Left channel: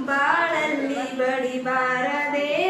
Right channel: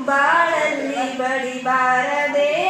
ಬಾಳಲ್ಲಿ ಬಡಿಬಾರದೆ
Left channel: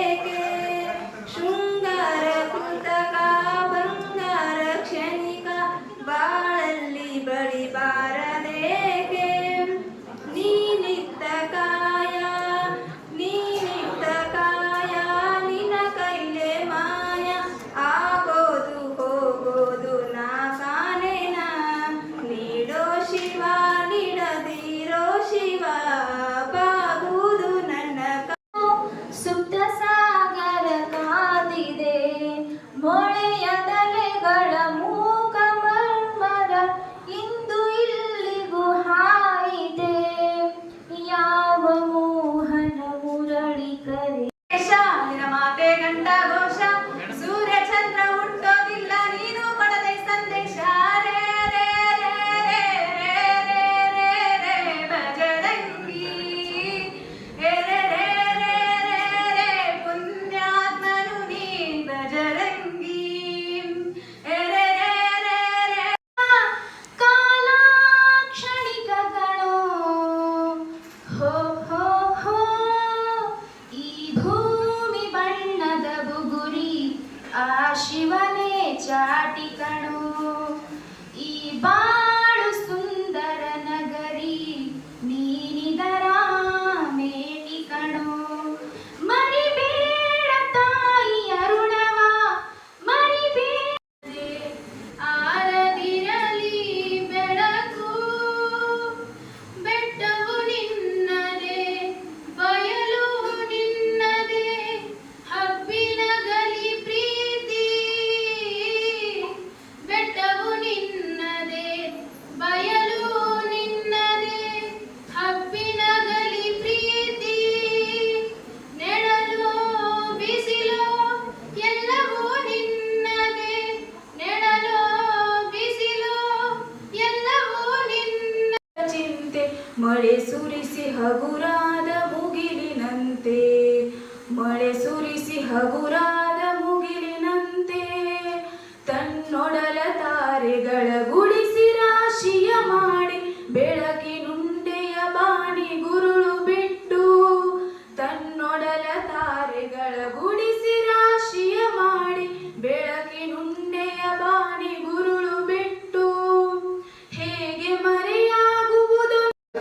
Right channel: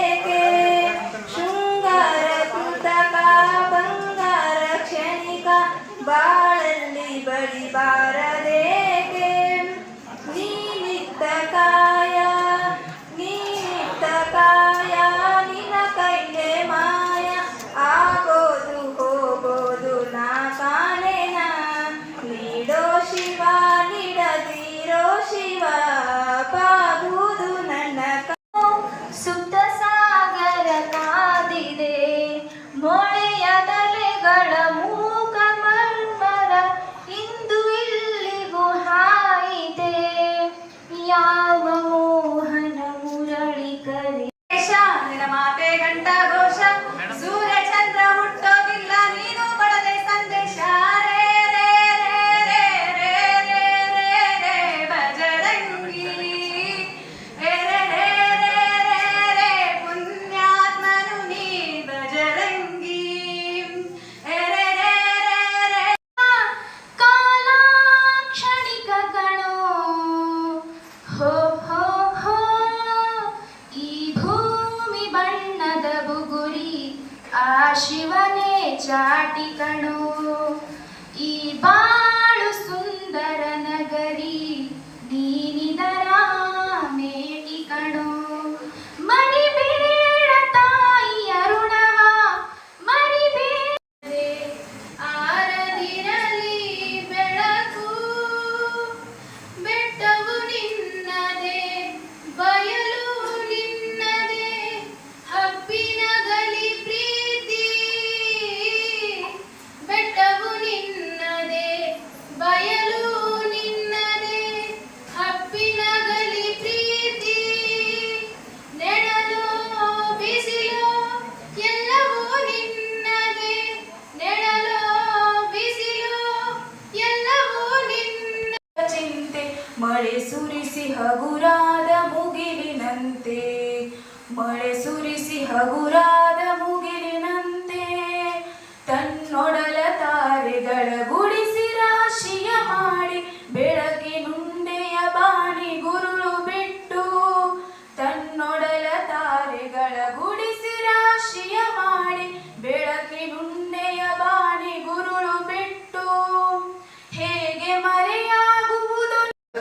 ಸುರಿಸಿ ಹಗುರಾದ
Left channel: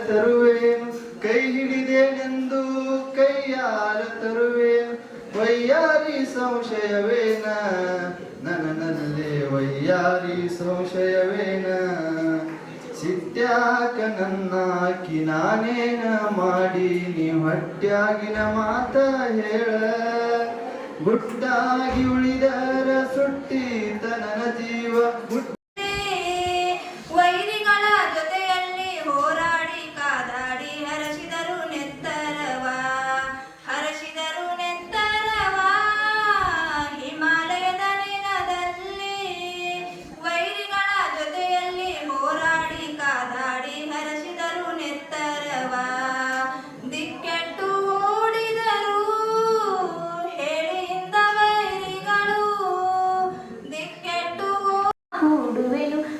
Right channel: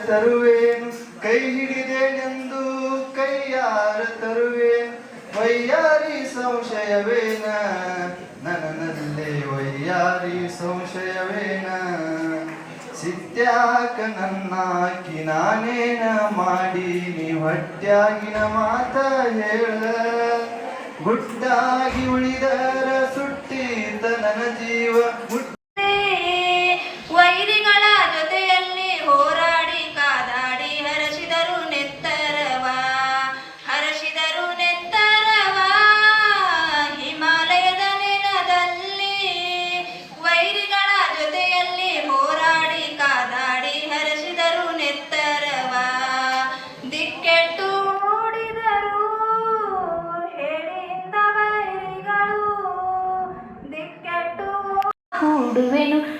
ತರುವೇನು, ಕೈ ಹಿಡಿದೇನೆಂದು ಕೈಯಾರ ತರುವೇನು ವೈಯಾರಿ ಸಂಶಯವೇನ? ನನ್ನಲ್ಲೇ ವೈಯಾರಿ ಸಂಶಯವೇನ? ಸಿತ್ಯಾಕ ನನ್ನಾಕಿ ನಾನೇನ ಮಾಡೀನಿ ಹೊಟ್ಟ್ಯಾಗಿನ ಮಾತ ಹೇಳ. ಗುಟ್ಟಾಗಿ ಉಳಿದರ ಸುಟ್ಟೀತ ನನ್ನ ಜೀವ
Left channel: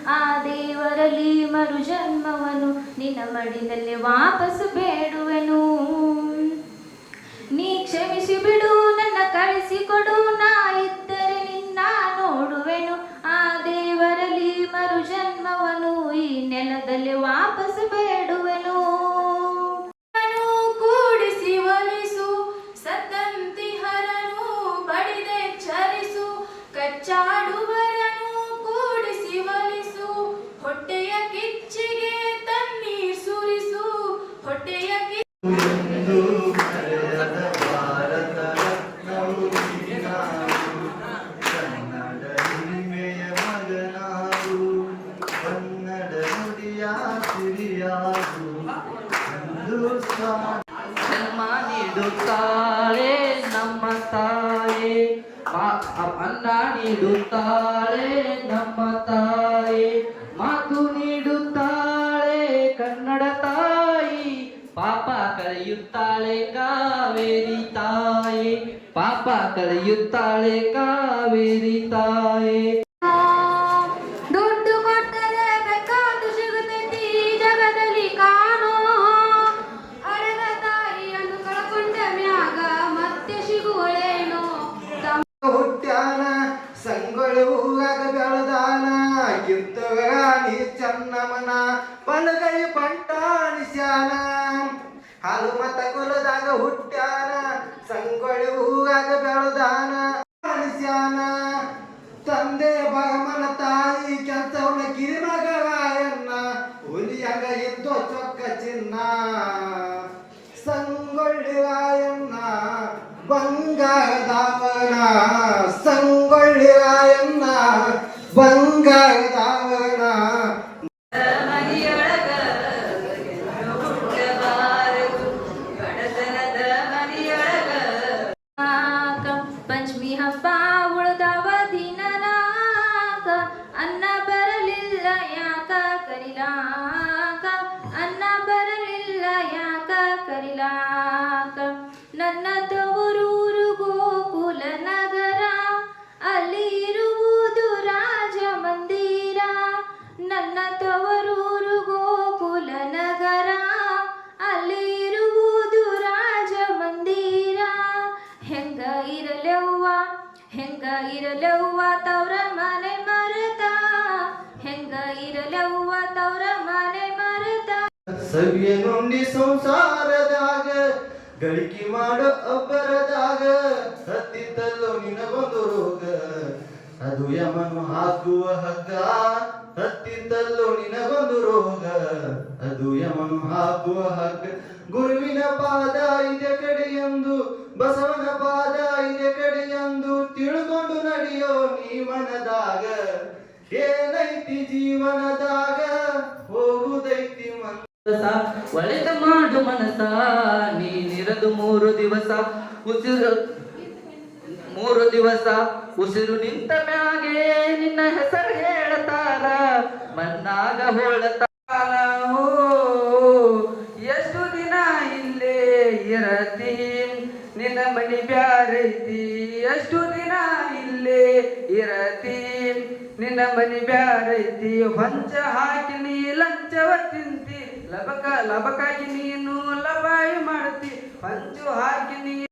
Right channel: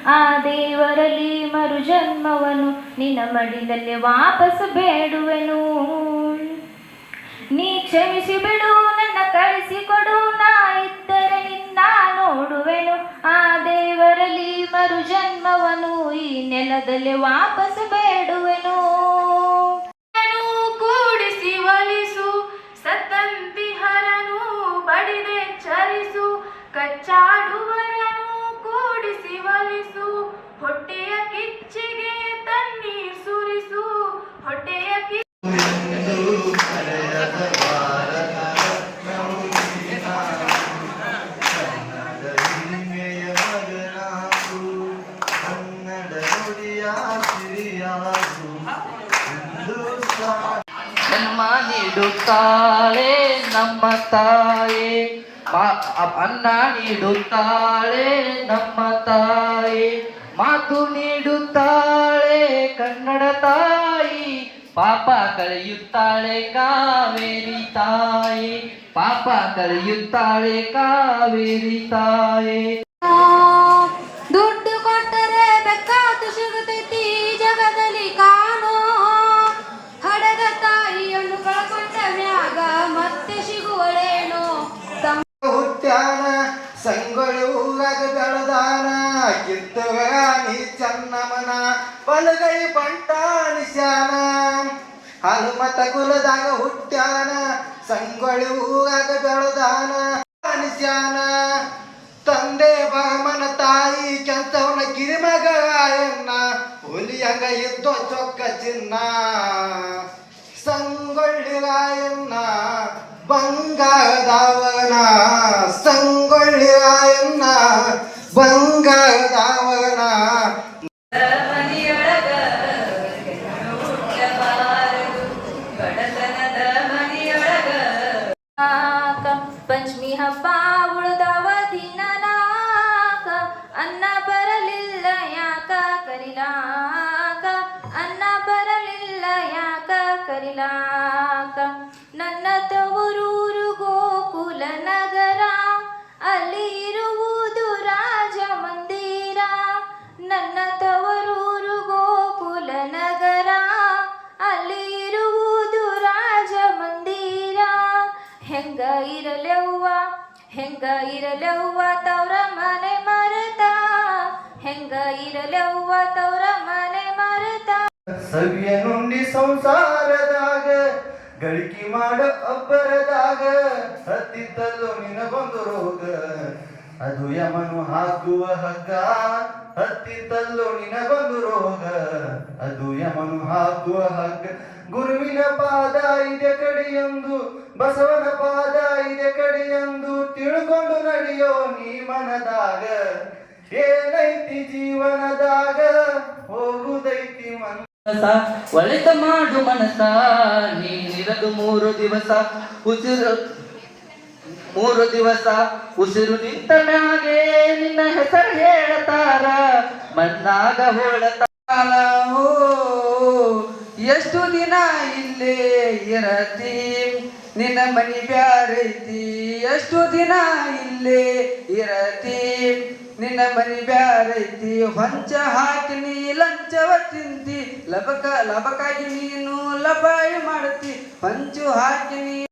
ಆ ದೇವರಲ್ಲಿ ಮರುಜನ್ಮವನು. ನಿನ್ನ ಮಡಿಲಲ್ಲಿ ವಾಪಸ್ ಬೇಡುವೆನು. ನೀ ಕ್ಷಮಿಸಿ ಬಿಡು, ನನ್ನ ಕಳಿಸಿಕೊಡು. ನಾ ಇದ್ದರೆ ನಿನ್ನ ನೋಡುವೆನು. ಆ ದೇವರಲ್ಲಿ ಮರುಜನ್ಮವನು. ಈ ನೆಲದಲ್ಲಿ ವಾಪಸ್ ಅನ್ನ ನೀಡುತ್ತಾಳೆ ನಮ್ಮ ತಾಯಿ, ಮಾತು ನೀಡುತ್ತಾಳೆ ಕನ್ನಡ ತಾಯಿ, ಪಾಪ ಕಳೆಯುತ್ತಾಳೆ ಕಾವೇರಿ ತಾಯಿ, ಪಾಪ ಕಳೆಯುತ್ತಾಳೆ ಕಾವೇರಿ ತಾಯಿ. ಶಾನ ಹನುಮತ ಕುಲದಾಗ ಹುಟ್ಟ್ಯಾನ. ಸಂಗೊಳ್ಳಿ ಹೂವಾಗ ಬೆಳೆದಾನ. ಶಾನ ತಂದೆ ಬಾಮನ ತಾಯಿ ಕೆಂತವನ ಕಿರಿಮಗಾಯನ್ನ ಹುಲಿಯಂಗ ಇದ್ದೋ ಚೊಕ್ಕ ಚಿನ್ನ. ಸಂಗೊಳ್ಳಿ ರಾಯಣ್ಣ ಬಂಗಾರದವನ. ಉಳ್ದವ ದಿನನಾಕ ಅನ್ನ ಬರಲಿಲ್ಲ ಯಾಕ ಕರಿಲಾಕ? ಅನ್ನ ಬರಲಿಲ್ಲ ಯಾಕ ಕರಿಲಾಕ? ನನ್ನ ತವರೂರು ಗೋಕುಲ ನಗರ, ಅಲ್ಲಿ ಇರುವುದು ರಾಜ ಮಂದಿರ ನನ್ನ ಹೆಂಗ ಇರಲವ್ವ ತವ್ರ ಮನೆ ಮರೆತ? ಹೆಂಗ ಇರಲವ್ವ ತವ್ರ ಮನೆ ಮರೆತ? ಸವಿಯ ನುಂಡಿ ಸಂಸಾರದಾಗ, ಗಳಿಕೆ ಮಾಡ ಅಬ್ಬರದಾಗ, ಸತ್ತಿದ್ದಲ್ಲೂ ನಿನ್ನ ಬಂದು ರೋಗ. ಅದು ಯಮನು ಹಾಕುವ ಹಗ್ಗ. ಹತ್ತಿದ್ದಲ್ಲೋ ನಿನಗೊಂದು ರೋಗ? ಅದು ಯಮನು ಹಾಕುವ ಹಗ್ಗ. ಗುರುವಿನ ಪಾದ ಇದೆ ಕಡೆಯೊಂದು, ಬಸವನ ಪಾದ ಇದೆ ಕಡೆಯೊಂದು ತಿಳ್ಕೊಂಡು ನಡೆಯೋ ನೀ ಮನದಾಗ. ಏನೈತಿ ಜೀವನದಾಗ? ಹೋಗುದೈತಿ ಮನ ಒಳಿತ ಮಾಡು ಮನಸ ನೀನಿರದು ಮೂರು ದಿವಸ. ಉಸಿರು ಮೂರು ದಿವಸ ಉಸಿರು ನಿಂತ ಮ್ಯಾಗೆ ನಿನ್ನ ಹೆಸರು ಓ, ಎಷ್ಟು ದಿನ ಇಲ್ಲೇ ಇರತಿ? ನಿನ್ನ ಮನಿ ಬ್ಯಾರೈತಿ ಎಷ್ಟು ದಿನ ಇಲ್ಲೇ ಇರತಿ? ನಿನ್ನ ಮನಿ ಬ್ಯಾರೈತಿ ಹೊಂಚ ಹಾಕಿ ನೀ ಲಂಚವ ತಿಂತಿ. ಲಬಕ ಲಬಕಾಗಿ ನೀನು ಲಬಾಯಿ ಮಾಡ್ತಿ. ಪಂಚು ಹಾಕಿ ನೀ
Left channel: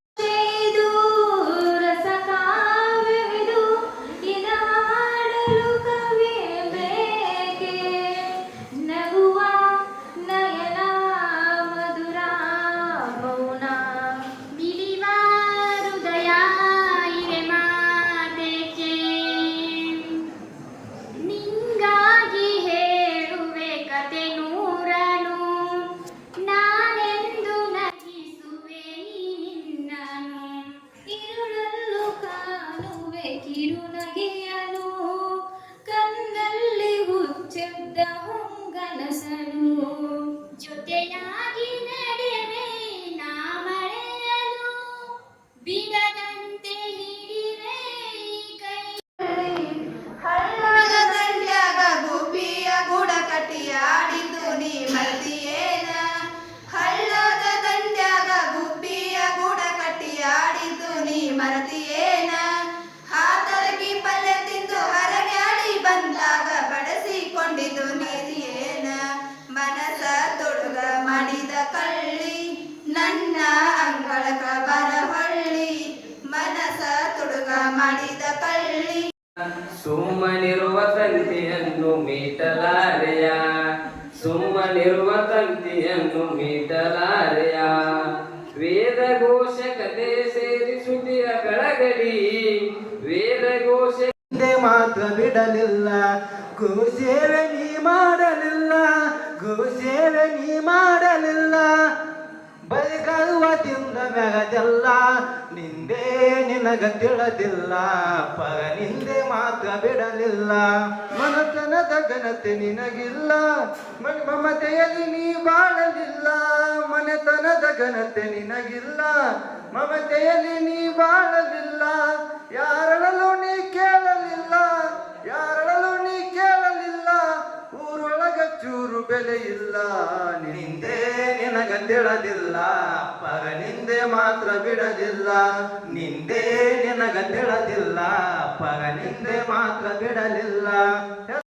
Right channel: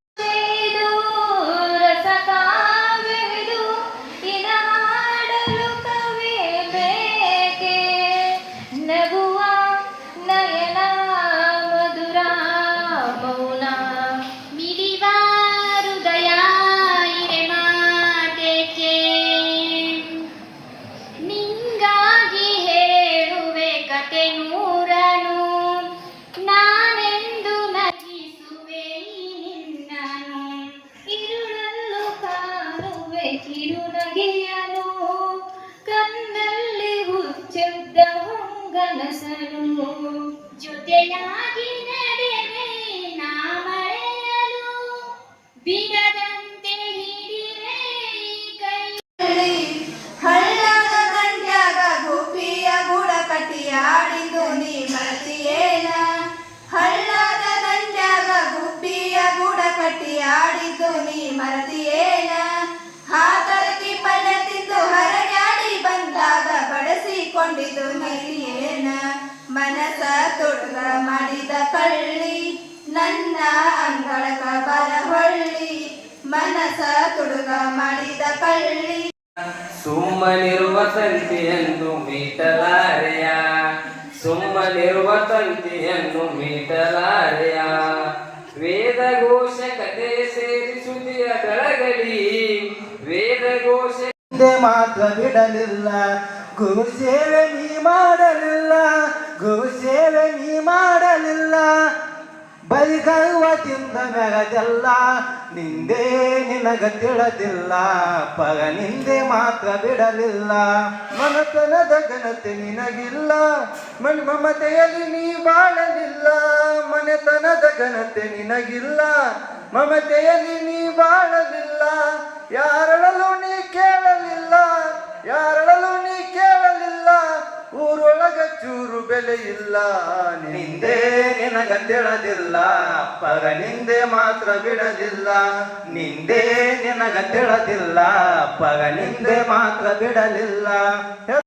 ಸುಮ್ಮನಿರುವ ಮೀಟಲಾರೆಯ ವೇದ ಘೋಷ ಕತೆ ಸೇರಿ ಸುದಿಯ ವೇದ ಘೋಷ ಮಾತ್ರ ಬಿಡಲಿಲ್ಲ, ಗುರು ಸೇವೆ ನೀ ಮಾಡಲಿಲ್ಲ, ಗುರು ಸೇವೆ ನೀ ಮಾಡಲಿಲ್ಲ. ಬರಿಗವ್ವ ತಿಂದ ಬೆಳೆದೆಲ್ಲ ನಿಂದೆ ನಿನಗ ಪರ ನಿಂದೆ ಮಾತ್ರ ಬಿಡಲಿಲ್ಲ. ಮಮತನದ ಘನತೆ ನಿನಗಿಲ್ಲ ಮನ್ ಮಮತೆಯಲ್ಲಿ ನೀ ಬಾಳಲಿಲ್ಲ. ಮನೆತನದ ಘನತೆ ನಿನಗಿಲ್ಲ, ಮಮತೆಯಲ್ಲಿ ನೀ ಬಾಳಲಿಲ್ಲ. ಯಾರಳಲು ನೀ ಕೇಳಲಿಲ್ಲ ಯಾರಳಲು ನೀ ಕೇಳಲಿಲ್ಲ. ಊರೊಳಗ ಚೂರು ಬೆಲೆ ಇಲ್ಲ, ನಿಂದೆ ಪರ ನಿಂದೆ ಮಾತ್ರ ಬಿಡದಿಲ್ಲ ನಿಂದೆ ನಿನಗ ತಿಳದಿಲ್ಲ ಪಗ ನಿಂದೆ ಮಾತ್ರ ಬಿಡಲಿಲ್ಲ.